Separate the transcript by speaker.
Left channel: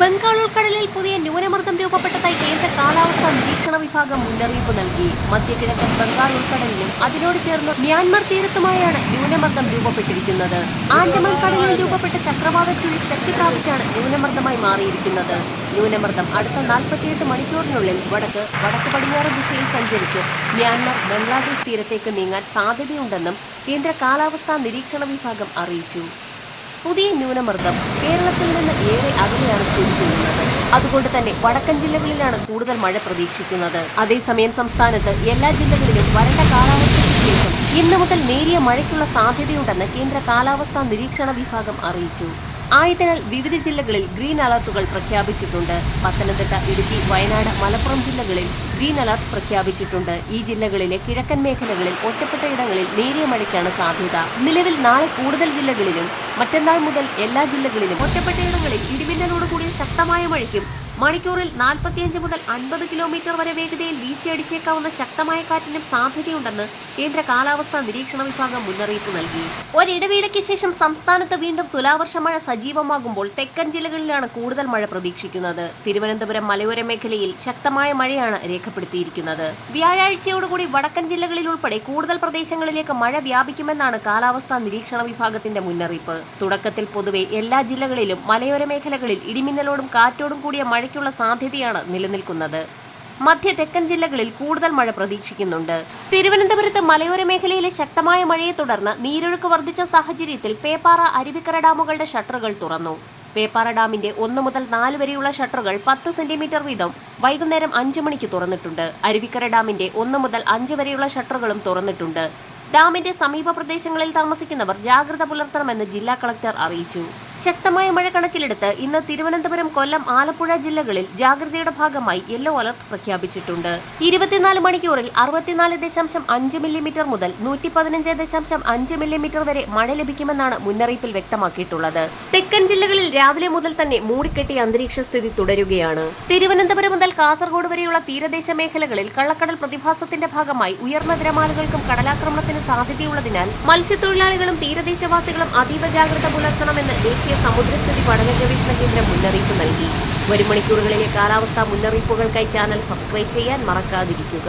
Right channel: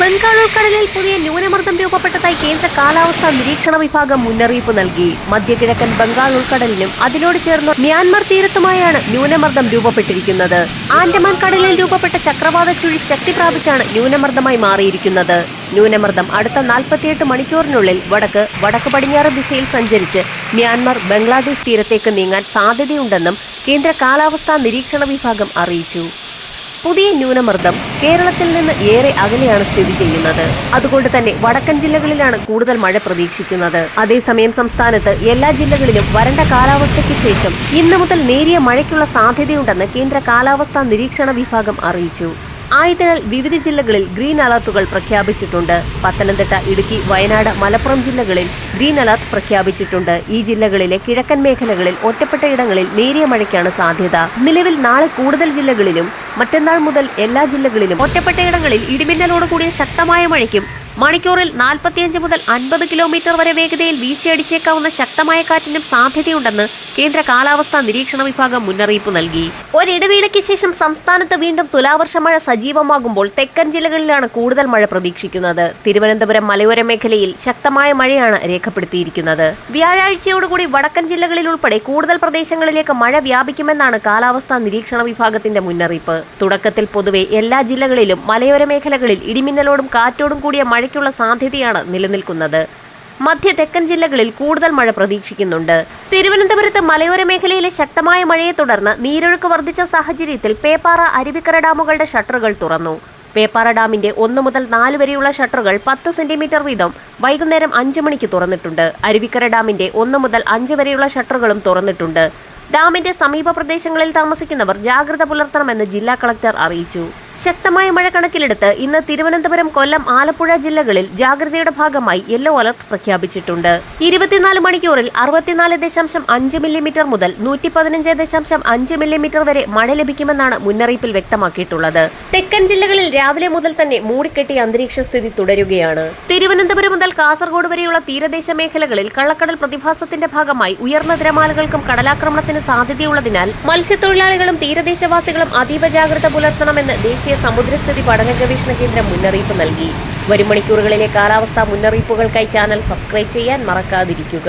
Speaker 1: ബംഗാൾ ഉൾക്കടലിൽ പുതിയ ന്യൂനമർദ്ദം രൂപപ്പെട്ടതായി കേന്ദ്ര കാലാവസ്ഥാ നിരീക്ഷണ വിഭാഗം മുന്നറിയിപ്പ് നൽകി. മധ്യകിഴക്കൻ ബംഗാൾ ഉൾക്കടലിലും അതിനോട് ചേർന്ന് മ്യാൻമർ തീരത്തുമായാണ് ന്യൂനമർദ്ദം രൂപപ്പെട്ടിരിക്കുന്നത്. ആൻഡമാൻ കടലിൽ രൂപപ്പെട്ട ചക്രവാത ചുഴി ശക്തി പ്രാപിച്ചാണ് ന്യൂനമർദ്ദമായി മാറിയിരിക്കുന്നത്. ന്യൂനമർദ്ദം അടുത്ത നാൽപ്പത്തിയെട്ട് മണിക്കൂറിനുള്ളിൽ വടക്ക് വടക്ക് പടിഞ്ഞാറ് ദിശയിൽ സഞ്ചരിച്ച് മ്യാൻമർ ബംഗ്ലാദേശ് തീരത്തേക്ക് നീങ്ങാൻ സാധ്യതയുണ്ടെന്നും കേന്ദ്ര കാലാവസ്ഥാ നിരീക്ഷണ വിഭാഗം അറിയിച്ചു. പുതിയ ന്യൂനമർദ്ദം കേരളത്തിൽ നിന്ന് ഏറെ അകലെയാണ് സ്ഥിതി ചെയ്യുന്നത്. അതുകൊണ്ട് തന്നെ വടക്കൻ ജില്ലകളിലാണ് കൂടുതൽ മഴ പ്രതീക്ഷിക്കുന്നത്. അതേസമയം സംസ്ഥാനത്ത് എല്ലാ ജില്ലകളിലും വരണ്ട കാലാവസ്ഥയ്ക്ക് ശേഷം ഇന്നു മുതൽ നേരിയ മഴയ്ക്കുള്ള സാധ്യതയുണ്ടെന്ന് കേന്ദ്ര കാലാവസ്ഥാ നിരീക്ഷണ വിഭാഗം അറിയിച്ചു. ആയതിനാൽ വിവിധ ജില്ലകളിൽ ഗ്രീൻ അലർട്ടുകൾ പ്രഖ്യാപിച്ചിട്ടുണ്ട്. പത്തനംതിട്ട ഇടുക്കി വയനാട് മലപ്പുറം ജില്ലകളിൽ ഗ്രീൻ അലർട്ട് പ്രഖ്യാപിച്ചിട്ടുണ്ട്. ഈ ജില്ലകളിലെ കിഴക്കൻ മേഖലകളിൽ ഒറ്റപ്പെട്ട ഇടങ്ങളിൽ നേരിയ മഴയ്ക്കാണ് സാധ്യത. നിലവിൽ നാളെ കൂടുതൽ ജില്ലകളിലും മറ്റന്നാൾ മുതൽ എല്ലാ ജില്ലകളിലും ഒറ്റപ്പെട്ട ഇടങ്ങളിൽ ഇടിമിന്നലോട് കൂടിയ ശക്തമായ മഴയ്ക്കും മണിക്കൂറിൽ നാൽപ്പത്തിയഞ്ച് മുതൽ അൻപത് കിലോമീറ്റർ വരെ വേഗതയിൽ വീശിയടിച്ചേക്കാവുന്ന ശക്തമായ കാറ്റിനും സാധ്യതയുണ്ടെന്ന് കേന്ദ്ര കാലാവസ്ഥാ നിരീക്ഷണ വിഭാഗം മുന്നറിയിപ്പ് നൽകി. ഒരിടവേളയ്ക്ക് ശേഷം സംസ്ഥാനത്ത് വീണ്ടും തുലാവർഷ മഴ സജീവമാകുമ്പോൾ തെക്കൻ ജില്ലകളിലാണ് കൂടുതൽ മഴ പ്രതീക്ഷിക്കുന്നത്. തിരുവനന്തപുരം മലയോര മേഖലയിൽ ശക്തമായ മഴയാണ് രേഖപ്പെടുത്തിയിരിക്കുന്നത്. വ്യാഴാഴ്ചയോടുകൂടി വടക്കൻ ജില്ലകളിൽ ഉൾപ്പെടെ കൂടുതൽ പ്രദേശങ്ങളിലേക്ക് മഴ വ്യാപിക്കുമെന്നാണ് കാലാവസ്ഥാ നിരീക്ഷണ വിഭാഗത്തിന്റെ മുന്നറിയിപ്പ്. തുടക്കത്തിൽ പൊതുവെ എല്ലാ ജില്ലകളിലും മലയോര മേഖലകളിൽ ഇടിമിന്നലോടും കാറ്റോടും കൂടിയ മഴയ്ക്കുള്ള സാധ്യതയാണ് നിലനിൽക്കുന്നത്. മധ്യ തെക്കൻ ജില്ലകളിൽ കൂടുതൽ മഴ പ്രതീക്ഷിക്കുന്നുണ്ട്. തിരുവനന്തപുരത്ത് മലയോര മേഖലയിലെ ശക്തമായ മഴയെ തുടർന്ന് നീരൊഴുക്ക് വർദ്ധിച്ച സാഹചര്യത്തിൽ പേപ്പാറ അരുവിക്കര ഡാമുകളുടെ ഷട്ടറുകൾ തുറന്നു. പേപ്പാറ ഡാമിന്റെ ഒന്ന് മുതൽ നാല് വരെയുള്ള ഷട്ടറുകൾ പത്ത് സെന്റിമീറ്റർ വീതം വൈകുന്നേരം അഞ്ച് മണിക്ക് തുറന്നിട്ടുണ്ട്. അരുവിക്കര ഡാമിന്റെ ഒന്ന് മുതൽ അഞ്ച് വരെയുള്ള ഷട്ടറുകളും തുറന്നിട്ടുണ്ട്. ഡാമിന്റെ സമീപ പ്രദേശങ്ങളിൽ താമസിക്കുന്നവർ ജാഗ്രത പുലർത്തണമെന്ന് ജില്ലാ കളക്ടർ അറിയിച്ചു. ശക്തമായ മഴ കണക്കിലെടുത്ത് ഇന്ന് തിരുവനന്തപുരം കൊല്ലം ആലപ്പുഴ ജില്ലകളിൽ ജാഗ്രതയുടെ ഭാഗമായി യെല്ലോ അലർട്ട് പ്രഖ്യാപിച്ചിട്ടുണ്ട്. ഇരുപത്തിനാല് മണിക്കൂറിൽ അറുപത്തിനാല് ദശാംശം അഞ്ച് മില്ലിമീറ്റർ മുതൽ നൂറ്റി പതിനഞ്ച് ദശാംശം അഞ്ച് മില്ലിമീറ്റർ വരെ മഴ ലഭിക്കുമെന്നാണ് മുന്നറിയിപ്പിൽ വ്യക്തമാക്കിയിട്ടുള്ളത്. തെക്കൻ ജില്ലകളിൽ രാവിലെ മുതൽ തന്നെ മൂടിക്കെട്ടിയ അന്തരീക്ഷ സ്ഥിതി തുടരുകയാണ്. തിരുവനന്തപുരം മുതൽ കാസർഗോഡ് വരെയുള്ള തീരദേശ മേഖലകളിൽ കള്ളക്കടൽ പ്രതിഭാസത്തിന്റെ ഭാഗമായി ഉയർന്ന തിരമാലകൾക്കും കടലാക്രമണത്തിന് സാധ്യതയുള്ളതിനാൽ മത്സ്യത്തൊഴിലാളികളും തീരദേശവാസികളും അതീവ ജാഗ്രത പുലർത്തണമെന്ന് ദേശീയ സമുദ്രസ്ഥിതി പഠന ഗവേഷണ കേന്ദ്രം മുന്നറിയിപ്പ് നൽകി. വരും മണിക്കൂറുകളിലെ കാലാവസ്ഥാ മുന്നറിയിപ്പുകൾക്കായി ചാനൽ സബ്സ്ക്രൈബ് ചെയ്യാൻ മറക്കാതിരിക്കുക.